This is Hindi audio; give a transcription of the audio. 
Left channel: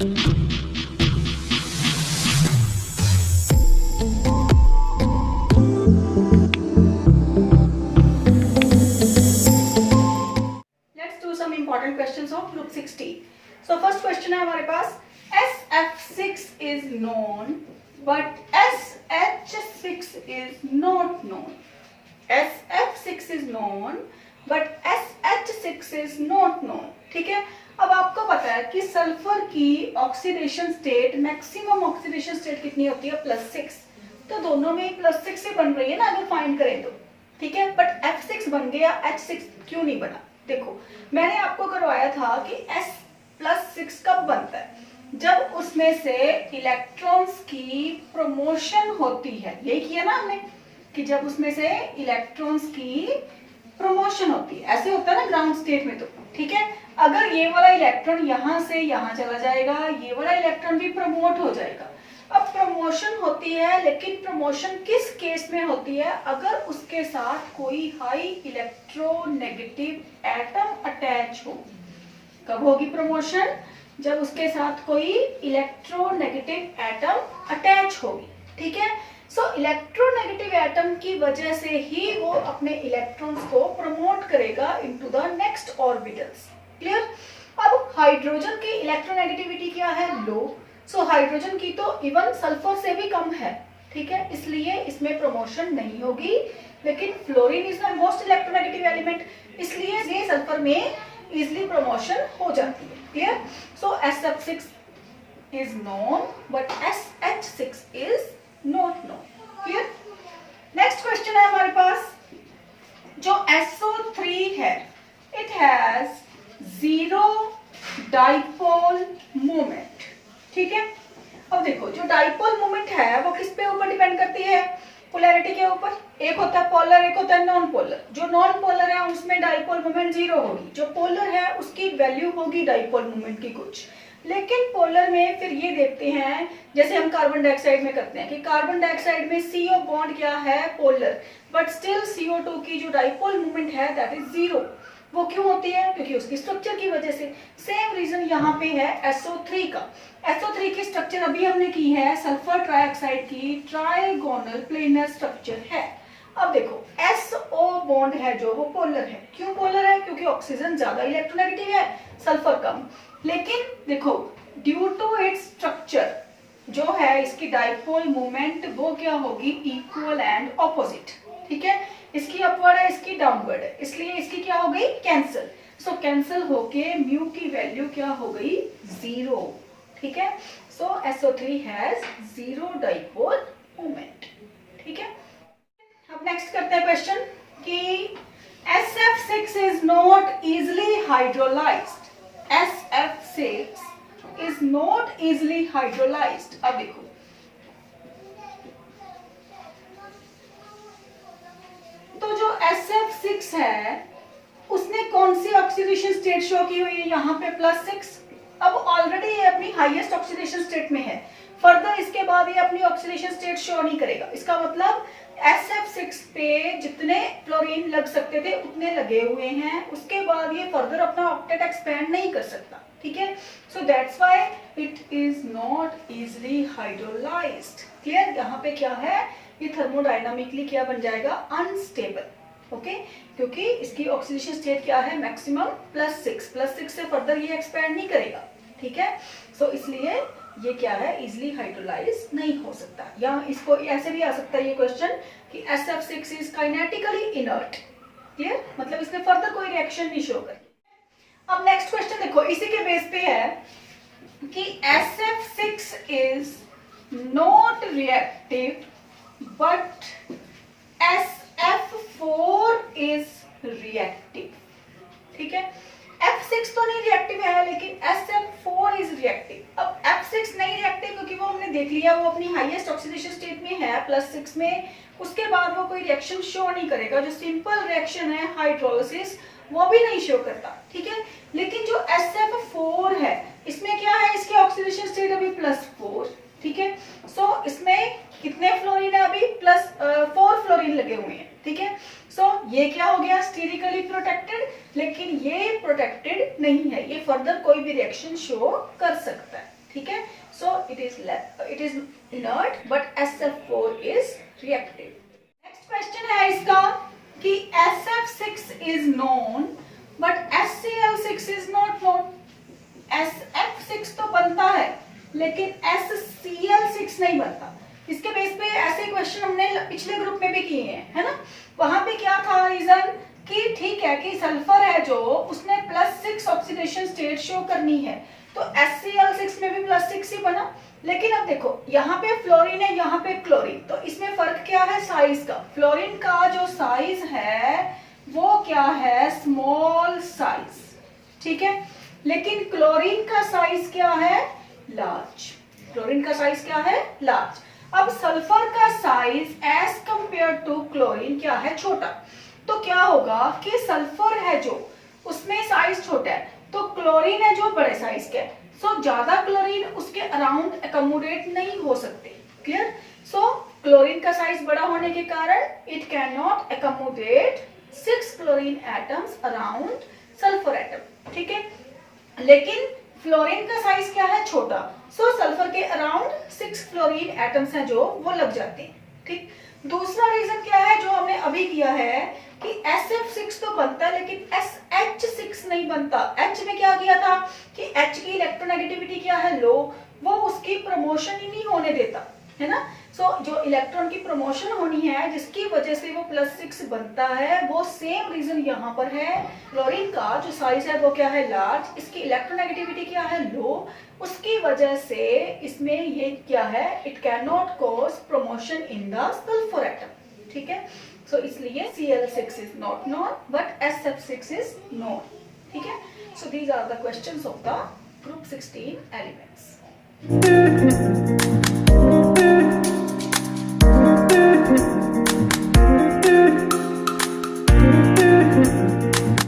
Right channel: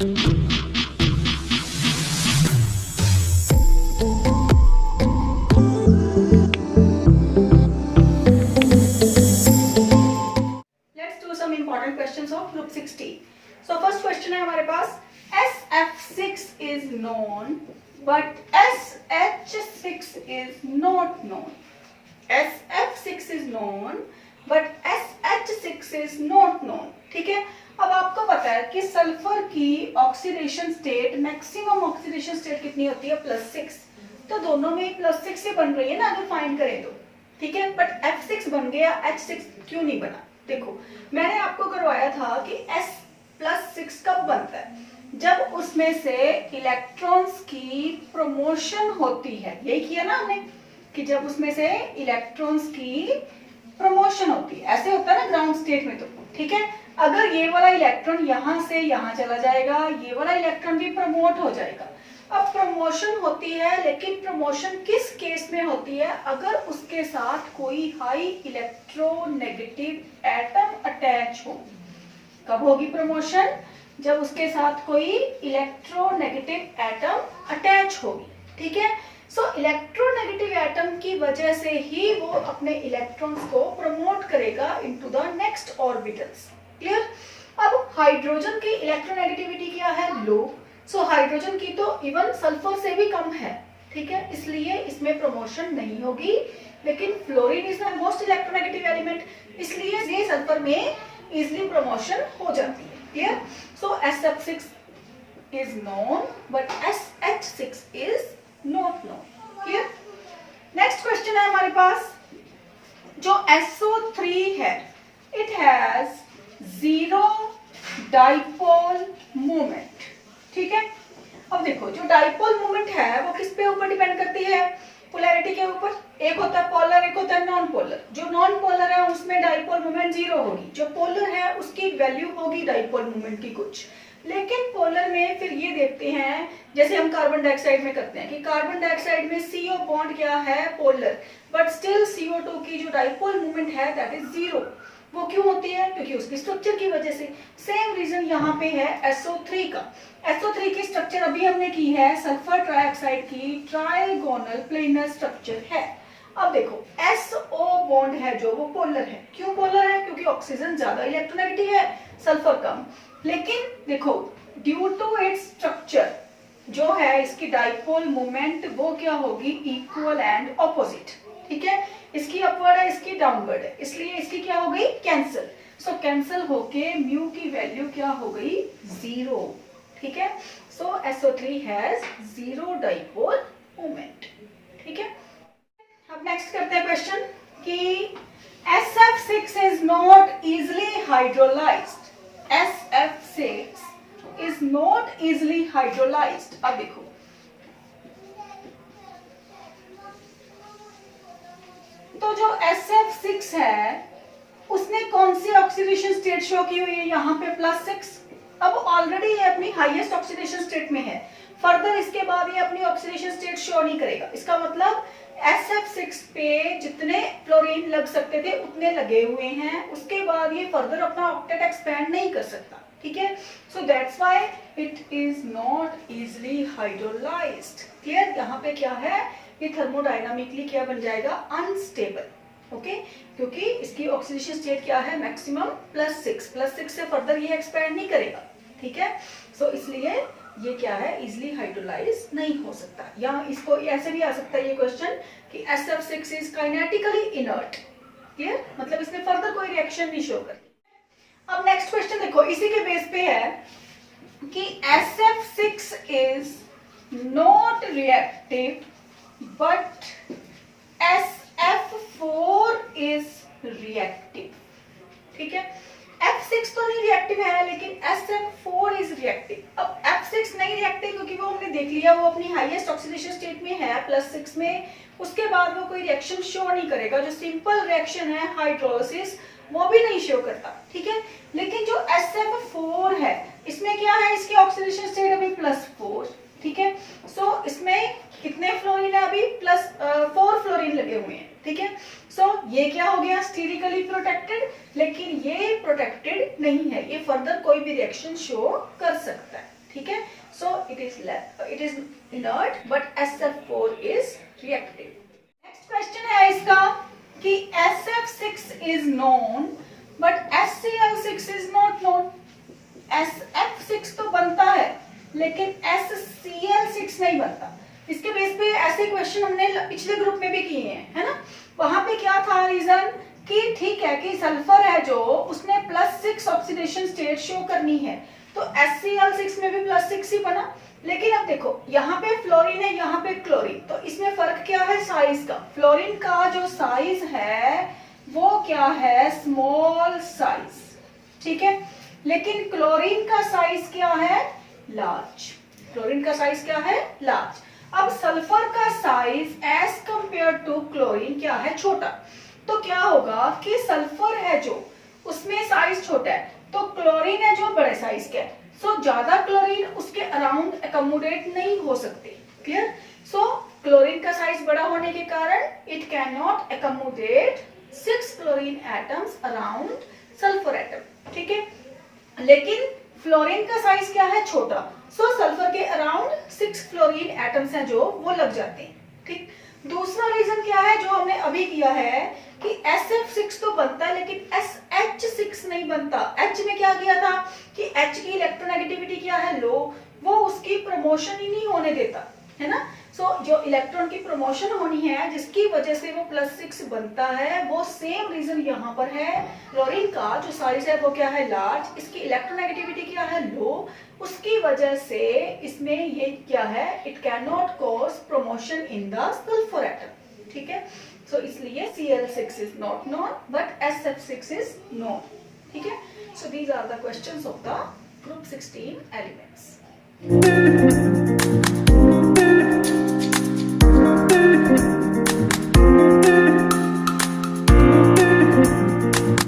Important questions of group 60। So first question है हमारे पास, SF6 is known but SH6 is not known। SF6 is known but SH6 is not known। ठीक है, अब आपको पता है कि सल्फर की oxidation state, maximum oxidation state कितनी होती है, +6। तो दोनों में +6 से बन रही है ना, अगर फाइंड करें तो। ठीक है, बट F6 बन गया, H6 क्यों नहीं बना? देखो, मैंने आपको करवाया था कि S+6 कब बनता है, जब उसमें से इलेक्ट्रॉन्स की प्रमोशन होती है। यही किया ना हमने कि जब उसमें से इलेक्ट्रॉन्स की प्रमोशन होती है, ऐसे होता है ना ग्राउंड स्टेट में। तो ठीक है, अगर ये वाला इलेक्ट्रॉन यहां से यहां चला जाएगा, ये वाला इलेक्ट्रॉन भी प्रमोट हो जाएगा। अब प्रमोशन होती है, लेकिन प्रमोशन किस केस में होती है? अगर उसके साथ कोई हाई इलेक्ट्रोनेगेटिव एटम अटैच हो। कब होगी प्रमोशन? जब उसके साथ कोई इलेक्ट्रोनेगेटिव एटम अटैच होगी। ठीक है, सो इलेक्ट्रोनेगेटिव एटम की वजह से ही वो अपने इलेक्ट्रॉन्स को प्रमोट करेगा into the next orbitals. Clear? अब हाइड्रोजन की इलेक्ट्रोनेगेटिविटी क्या है? लो। सो हाइड्रोजन की तो इवन सल्फर से भी कम है। ठीक है, इसलिए इसमें प्रमोशन नहीं होगी। लेकिन fluorine is the most electronegative element, इसलिए ये सल्फर में इजिली प्रमोशन हो जाती है। Clear? So SF6 is known but SH6 is not known. Clear? Next question है हमारे पास, जो SO3 है, इट हैज 0 डाइपोल मोमेंट। ठीक है, अब देखो, जो डाइपोल मोमेंट है वो किस पे ऊपर डिपेंड करती है? पोलैरिटी के ऊपर। एक होता है पोलर, एक होता है नॉन पोलर। जो नॉन पोलर है उसमें डाइपोल मोमेंट 0 होगी, जो पोलर है उसकी वैल्यू होगी डाइपोल मोमेंट की कुछ। लेकिन पोलर में फिर ये देखते हैं, जैसे हम कार्बन डाइऑक्साइड में करते हैं कि कार्बन डाइऑक्साइड में CO बॉन्ड क्या है? पोलर, बट स्टिल CO2 की जो डाइपोल मोमेंट है दैट इज 0। वो क्यों होती है? क्योंकि उसकी स्ट्रक्चर की वजह से। सेम रीजन यहाँ पे है SO3 का। SO3 की स्ट्रक्चर अभी हमने की है, सल्फर ट्राइऑक्साइड की ट्राइगोनल प्लेनर स्ट्रक्चर है। अब देखो, SO बॉन्ड है जो, वो पोलर है। क्यों पोलर है? क्योंकि ऑक्सीजन ज्यादा इलेक्ट्रोनेगेटिव है, सल्फर कम। लेकिन देखो, ड्यू टू इट्स स्ट्रक्चर जो है, इसकी डाइपोल मोमेंट वो क्या होगी? Equal and opposite. ठीक है, इसकी अपवर्ड है, इसकी डाउनवर्ड है, इसलिए इसकी क्या हो गई? कैंसिल। सो कैंसिल होके म्यू की वैल्यू क्या हो गई? 0। ठीक है, सो SO3 हैज 0 डाइपोल मोमेंट। ठीक है, अब नेक्स्ट करते हैं क्वेश्चन कि SF6 is not easily hydrolysed. SF6 is not easily hydrolysed. अब देखो, तो जो SF6 है उसने कौन सी ऑक्सीडेशन स्टेट शो की हुई है? यहाँ पे +6। अब ऑलरेडी ये अपनी हाईएस्ट ऑक्सीडेशन स्टेट में है, फर्दर इसके बाद ये अपनी ऑक्सीडेशन स्टेट शो नहीं करेगा। इसका मतलब SF6 पे जितने फ्लोरीन लग सकते थे उतने लगे हुए हैं, उसके बाद ये फर्दर अपना ऑक्टेट एक्सपेंड नहीं कर सकता। ठीक है, so that's why it is not easily hydrolysed. Clear? यहाँ पे क्या है, ये थर्मोडायनामिकली क्या बन जाएगा? अनस्टेबल। ओके, क्योंकि इसकी ऑक्सीडेशन स्टेट क्या है? मैक्सिमम +6 से फर्दर ये एक्सपेंड नहीं करेगा। ठीक है, सो इसलिए ये क्या है? इजिली हाइड्रोलाइज नहीं हो सकता। या इसको ऐसे भी आ सकता है ये क्वेश्चन कि SF6 is kinetically inert. Clear? मतलब इसमें फर्दर कोई रिएक्शन नहीं शो करती। अब नेक्स्ट क्वेश्चन देखो, इसी के बेस पे है कि SF6 is not reactive but SF4 is reactive. ठीक है, F6 तो नहीं रिएक्टिव है, लेकिन SF4 इज रिएक्टिव। अब F6 नहीं रिएक्टिव क्योंकि वो हमने देख लिया, वो अपनी हाईएस्ट ऑक्सीडेशन स्टेट में है +6 में, उसके बाद वो कोई रिएक्शन शो नहीं करेगा। जो सिंपल रिएक्शन है हाइड्रोलिसिस वो भी नहीं शो करता। ठीक है, लेकिन जो SF4 है इसमें क्या है? इसकी ऑक्सीडेशन स्टेट अभी +4। ठीक है, सो इसमें कितने फ्लोरीन है? अभी +4 फ्लोरीन लगे हुए हैं। ठीक है, सो ये क्या हो गया? स्टीरिकली प्रोटेक्टेड, लेकिन ये प्रोटेक्टेड नहीं है, ये फर्दर कोई भी रिएक्शन शो कर सकता है। ठीक है, so it is inert but SF4 is reactive. Next question है इसका कि SF6 is known but HCl6 is not known. SF6 तो बनता है लेकिन HCl6 नहीं बनता। इसके बेस पे ऐसे क्वेश्चन हमने पिछले ग्रुप में भी किए हैं, है ना। वहां पे क्या था रीजन कि ठीक है कि सल्फर है जो उसने +6 ऑक्सीडेशन स्टेट शो करनी है, तो HCl6 में भी +6 ही बना। लेकिन अब देखो यहाँ पे फ्लोरीन है, यहाँ पे क्लोरीन, तो इसमें फर्क क्या है साइज का। फ्लोरीन का जो साइज है वो क्या है, स्मॉल साइज, ठीक है, लेकिन क्लोरीन का साइज क्या है, लार्ज। क्लोरीन का साइज क्या है, लार्ज। अब सल्फर का size as compare to chlorine क्या है, छोटा। तो क्या होगा कि सल्फर है जो उसमें साइज छोटा है, तो क्लोरीन है जो बड़े साइज के, सो ज्यादा क्लोरीन उसके अराउंड एकोमोडेट नहीं हो सकते। क्लियर। सो क्लोरीन का साइज बड़ा होने के कारण it can not accommodate 6 chlorine atoms around sulphur atom, ठीक है। लेकिन फ्लोरीन का साइज क्या है, छोटा, सो सल्फर के अराउंड 6 फ्लोरीन एटम्स हैं जो वो लग जाते हैं, ठीक। दूसरा रीजन क्या है जो हमने अभी किया है कि SF6 तो बनता है लेकिन SH6 नहीं बनता। H में क्या किया था कि H की इलेक्ट्रोनेगेटिविटी क्या है, लो, वो उसकी प्रमोशन ही नहीं होने देता, है ना। सो जो इलेक्ट्रॉन की प्रमोशन होनी है जिसकी वजह से वो +6 बनता है, वो सेम रीजन यहाँ पर है। क्लोरीन का जो साइज है वो क्या है, लार्ज, इसकी इलेक्ट्रोनेगेटिविटी क्या है, लो, उसकी वजह से इसमें ये क्या है, it can not cause promotion in the sulphur atom, ठीक है। सो इसलिए Cl6 is not known but SF6 is known, ठीक है। So these are the questions of the group 16 elements.